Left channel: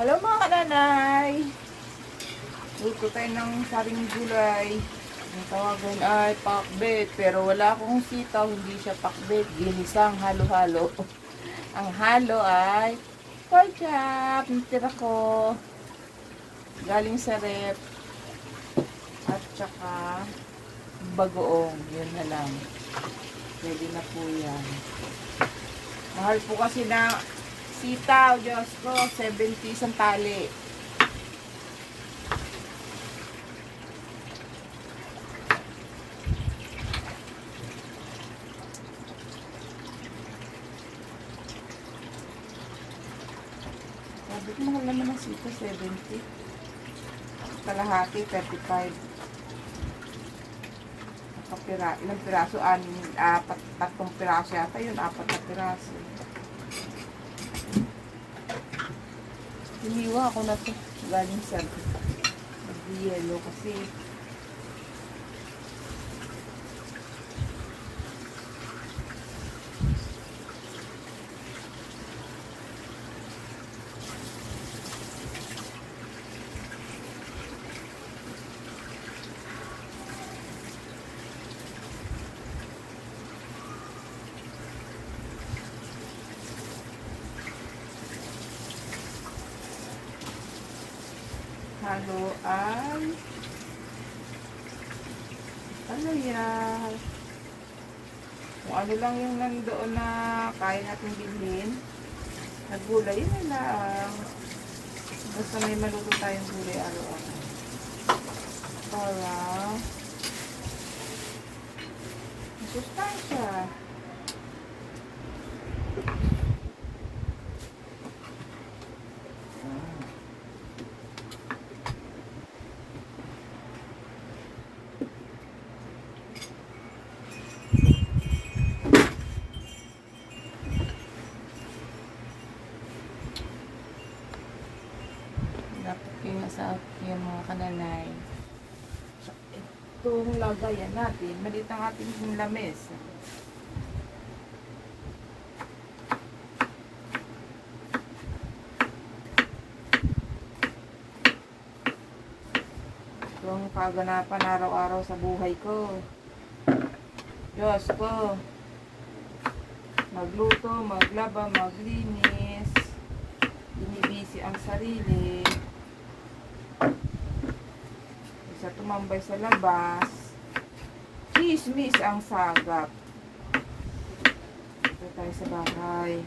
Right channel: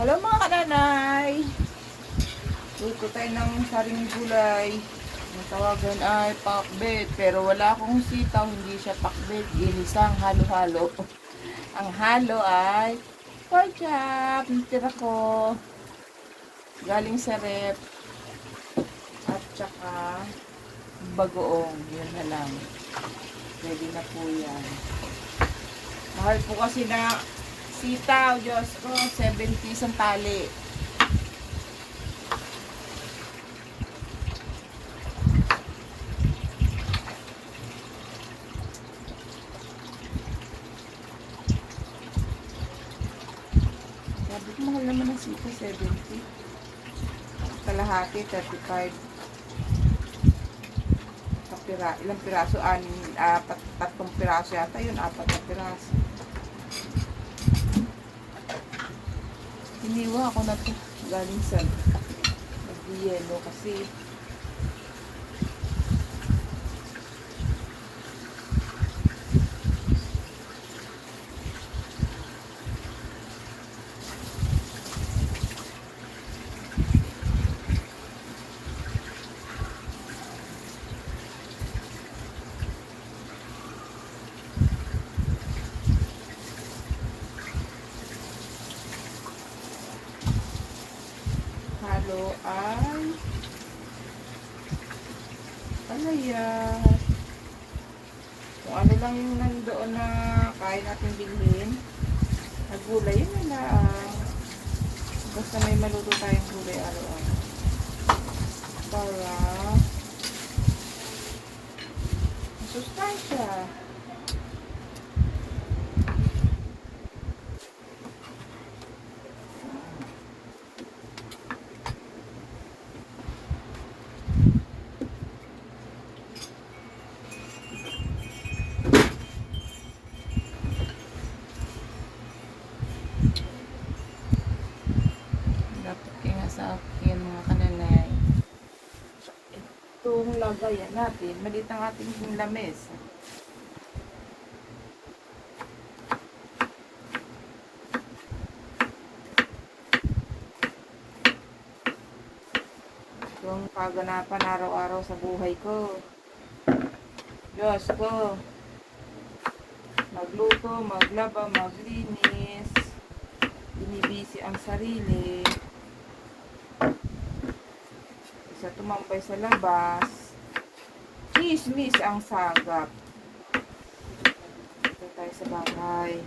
Hello mga kananay! Luto tayo ng saring gulay. Ang tawagan ay pakbet. Pero wala akong sitaw, hindi siya pakbet. Ginisang halo-halo. Ang halo ay pork chop. Natira ko. Galing sa rep. At saka bagoong. Yun na lang. Pwede na po yan. Mahal po kasi na sitaw, Diyos ko, 70 ang tali. Sabi ko, mahal naman ang sitaw, 70. Kalahati, 35. Ilang piraso? Tatlong piraso yata yun, 4 na piraso. Hiniwa ako na ito galing sa nag-yelo kasi halo ay palaya. Kung ano lang yung nandoon na kaya natin bilhin na gulay, yun na lang. Basta may maluto tayong gulay araw-araw para masustansya. Dapat kaya sa akin mga kananay. So, itong lagayan natin, maliit ang ating lamesa. Itong kaganapan araw-araw sa buhay ko. Diyos ko. Magluto, maglaba, maglinis. Binibisi ang sarili. Isa tumambay sa labas. Chismis ang sagap. Ito tayo sa bahay.